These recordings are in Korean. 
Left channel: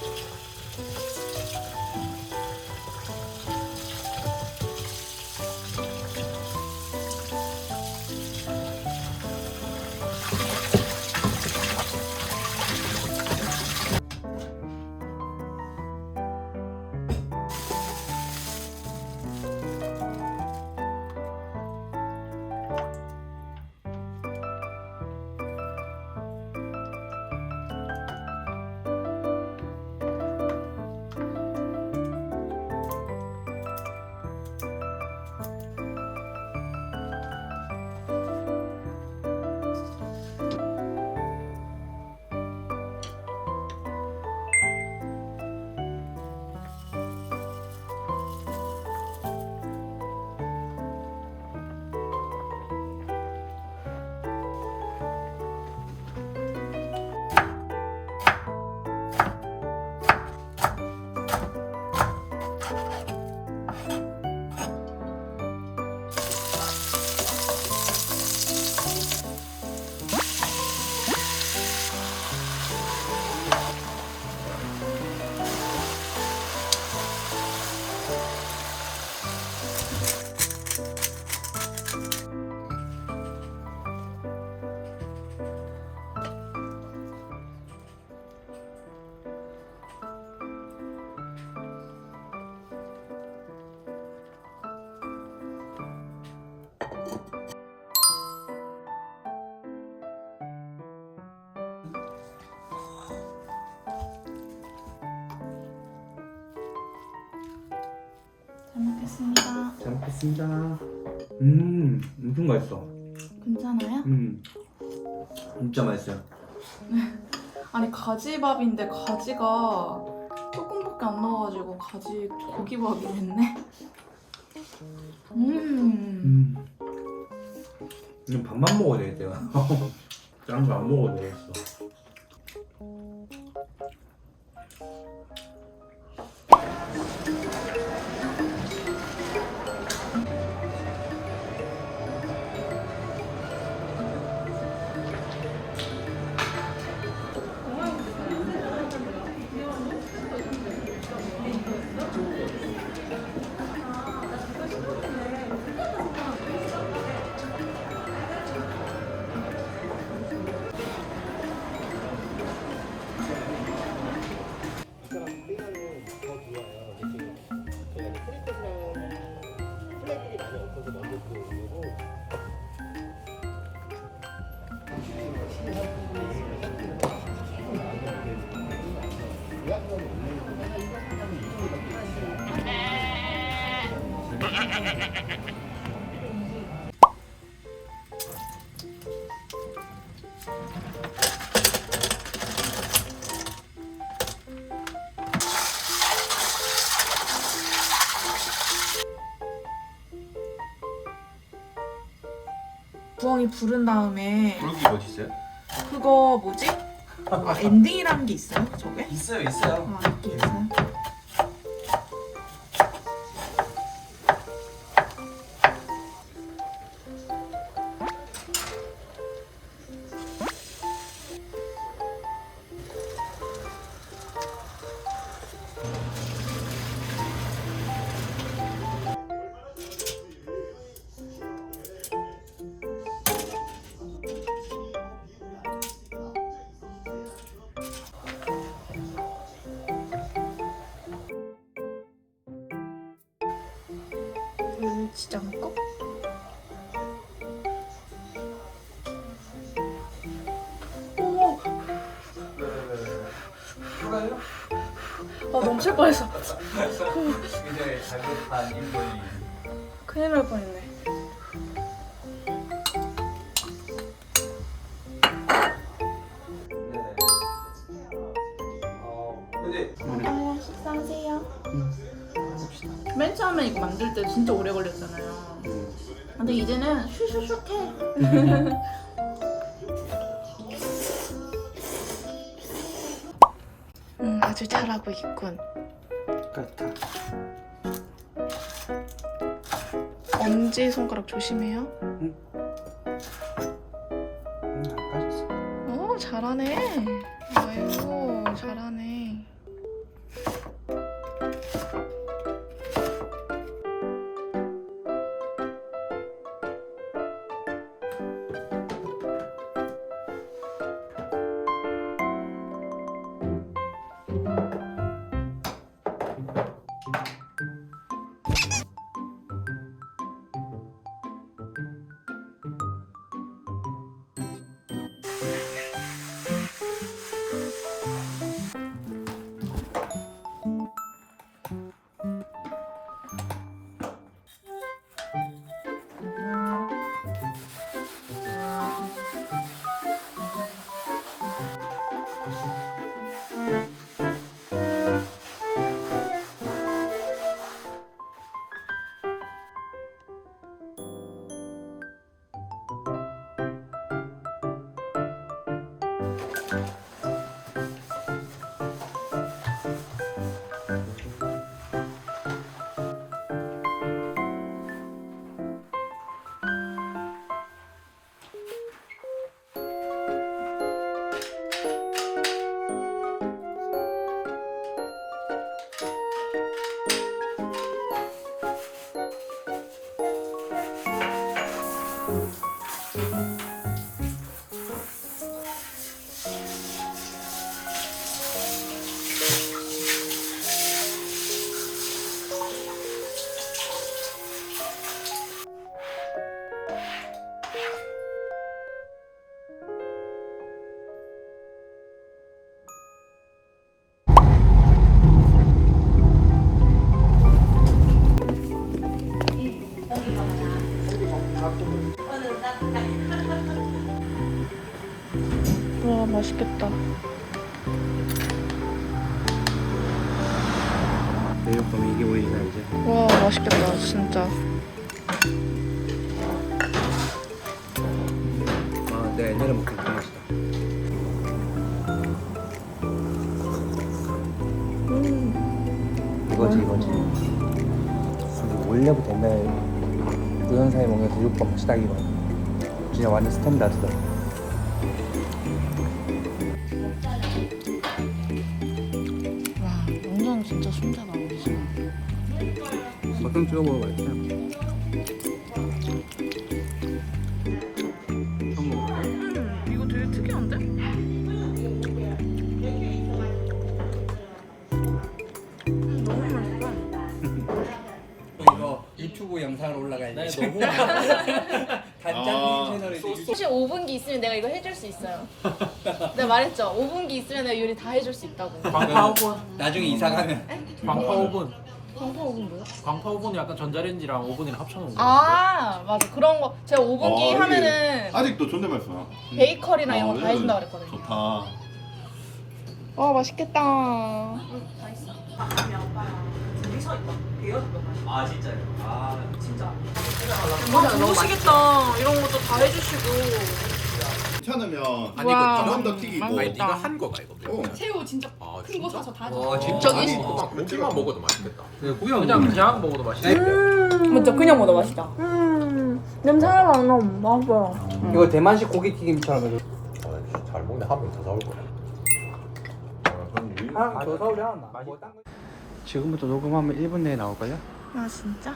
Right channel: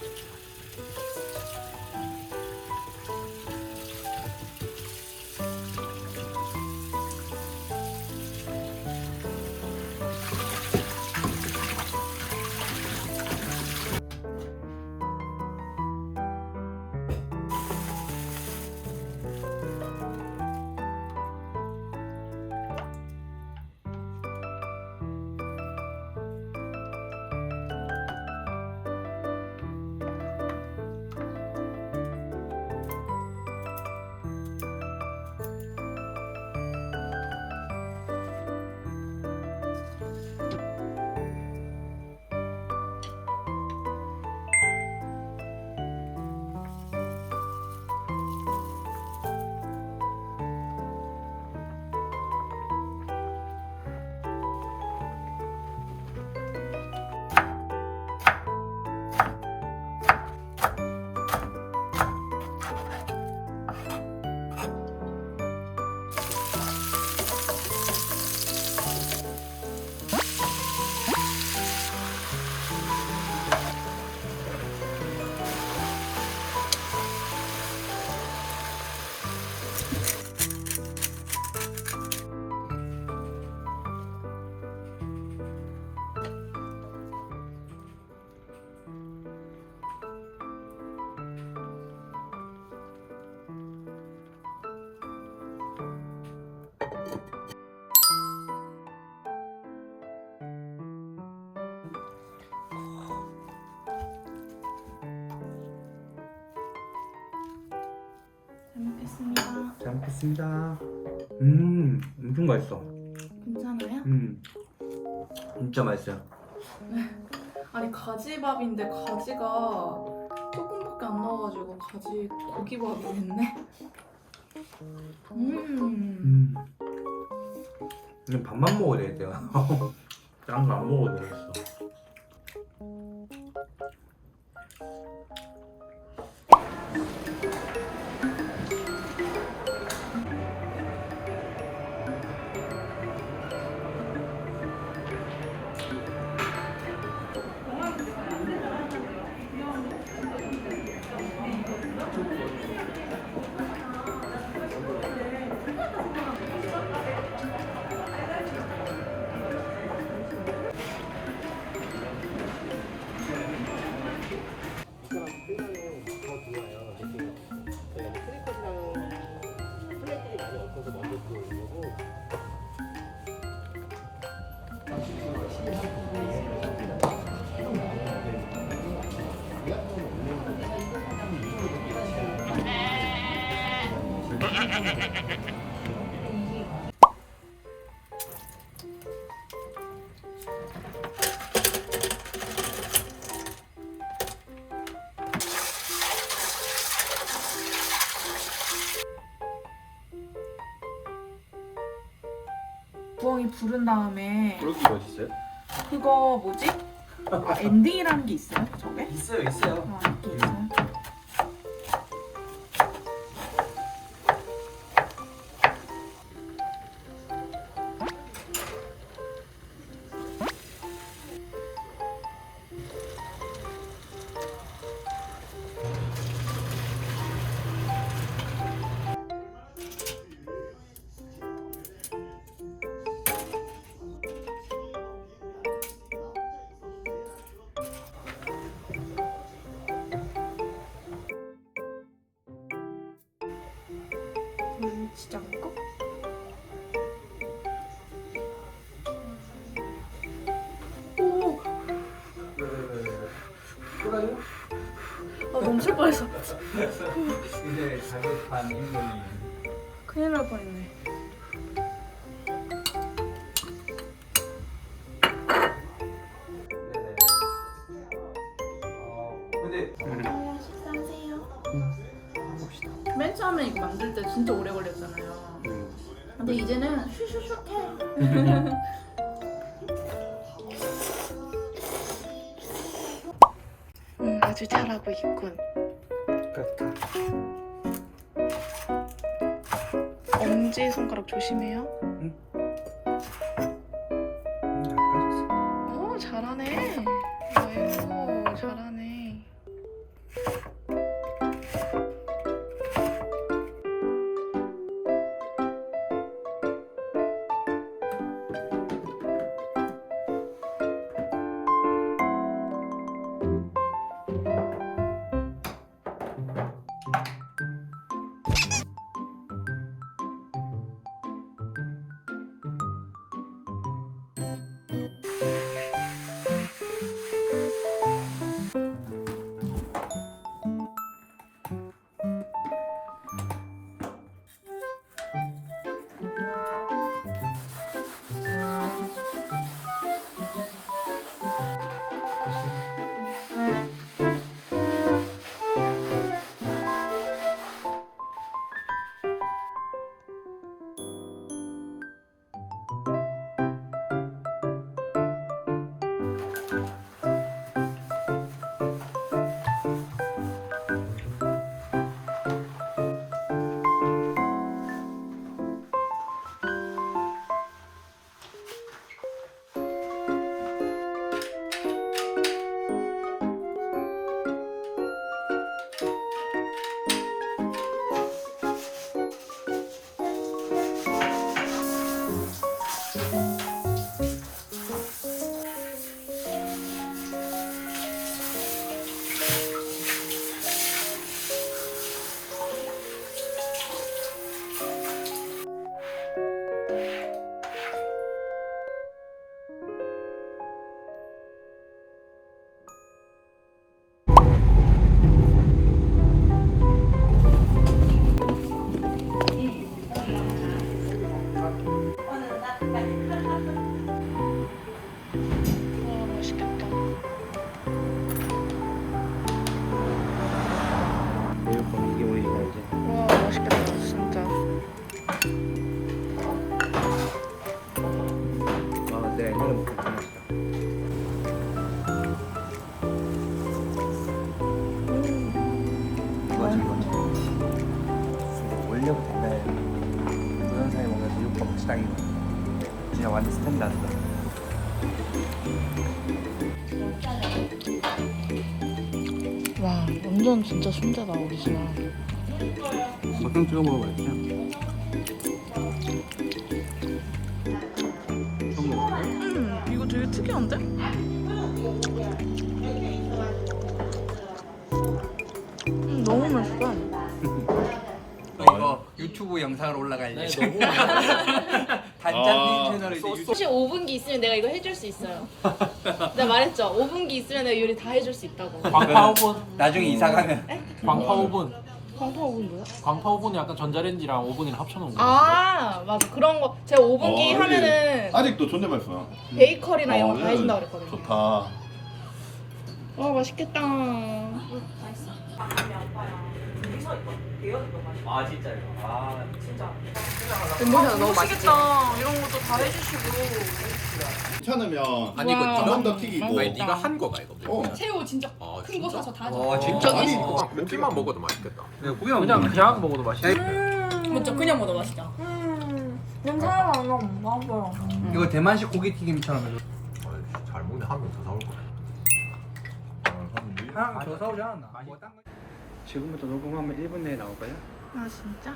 잘 먹겠습니다. 잘 먹겠습니다. 음, 엄청 맛있어. 괜찮아요? 음, 진짜 맛있어요. 아니 가지밥인데 가지가 조금밖에 안 나와가지고 가지 고기밥으로 했네. 음. 음, 이건 밥만 먹어야 되겠대요. 짠 거 안 먹어도 되겠어. 부엉이 부른 다음에 여기 어디 있어요? 그거 뭐지? 아 엔딩이라는 게 있어요? 저게? 있어요, 있어요. 아 이게 있어요? 물지장거 오! 그래요? 아 넘칠 뻔했어 이제 다급한 인물이 큰일 날 뻔했네 이제는 슈슈슉 해 음, 아주 잘하고 있군. 그렇다. 엄지 손가락 조심해요. 음, 안 까졌어. 오 잘하네. 아이고 잘하네 제육볶음 이게 오일이다 이제. 와 맛있겠다 진짜. 아, 내가 옛날에 먹던 그 맛이다. 이거지 이거지. 근데 원래부터 옛날에 동영상에 보면 제육볶음 딱이거. 진짜 완전 스탠다드다. 완전 진짜 순대다 오리지널. 막상 찍어 먹어봐야지. 처음 먹어볼래? 음 이거 되게 특이한데? 음, 너무 맛있어. 유튜브 영상으로 올라갈 네, 예정. 단장님 아, 채널에 이제 유튜브 혹시 5분기 있으면 내가 이거 해줄 수 있어요. 내가 말했죠. 5분기 있으면 내가 요리 다 해줄 수 있다고. 광파 오븐, 나중에 이사 가면 광파 오븐, 광파 5분 뭐야? 광파 오븐이 약간 전자레인지랑 오븐이랑 합쳐놓은 거. 아 맞아 그런 거 제가 5분기 어, 하면은 아직도 존댓말 써. 베이커리나 이런 거다 어, 해준다 그랬거든요. 좋다. 와 맛있겠다. 아 진짜요? 아 진짜. 너무 좋으시겠다. 이런 것도 다 해주시고. 괜찮으면 아니 와. 한 번 더 튀기고. 아니, 네가 한 거가 이거. 어. 새우 진짜 아, 큰거 사서 다와 줘. 진짜. 아니, 고기만 먹어도 맛있겠다. 내가 구경 그냥 먹으면 그냥 먹어도 맛있겠다. 먼저 그냥 먹어 맛있다. 음 냄새 하나도 안 나면 맛있어요. 이거 대만식 고기 튀김처럼 해줘. 잘 먹는데 하루에 더 사올 거야. 하나 더 사오려. 거- 지금부터 녹음하면 1분 내에 나올까요? 아 진짜?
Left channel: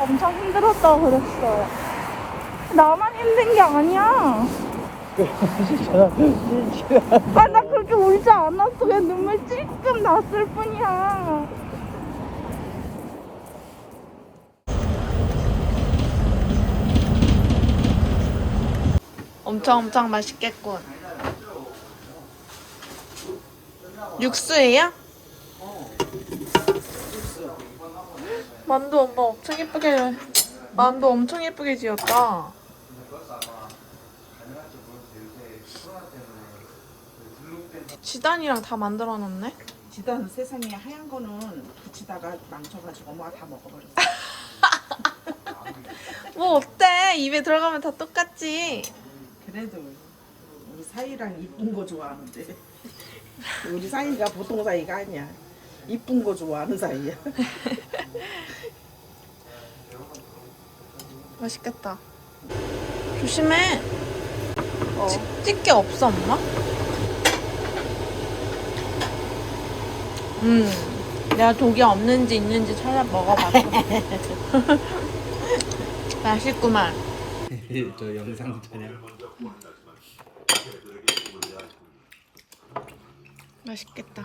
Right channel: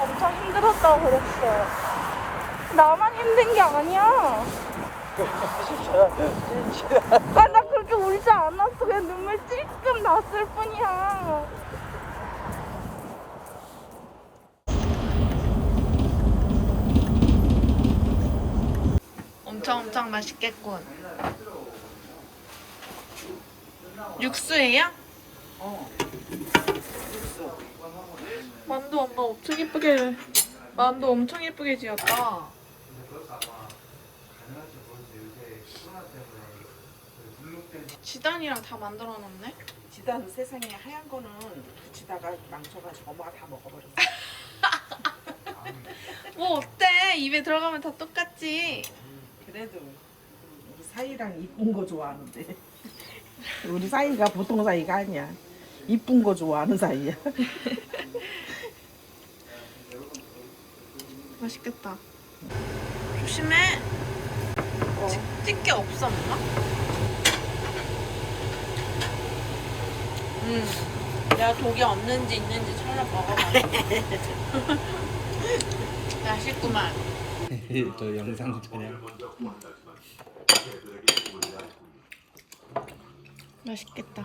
엄청 힘들었다고 그랬어요. 나만 힘든 게 아니야. 아, 나 그렇게 울지 않았어. 그냥 눈물 찔끔 났을 뿐이야. 엄청 엄청 맛있겠군. 육수예요? 만두 엄마 엄청 예쁘게 만두 엄청 예쁘게 지었다. 지단이랑 다 만들어 놨네. 지단 세상에 하얀 거는 붙이다가 망쳐가지고 엄마가 다 먹어버렸어. 뭐 어때? 입에 들어가면 다 똑같지. 그래도 우리 사이랑 이쁜 거 좋아하는데 우리 사이가 보통 사이가 아니야. 이쁜 거 좋아하는 사이야. 맛있겠다. 조심해. 찍, 찍게 없어 엄마? 음. 내가 독이 없는지 있는지 찾아 먹어봤어. 맛있구만. 저 영상 촬영. 맛있겠다.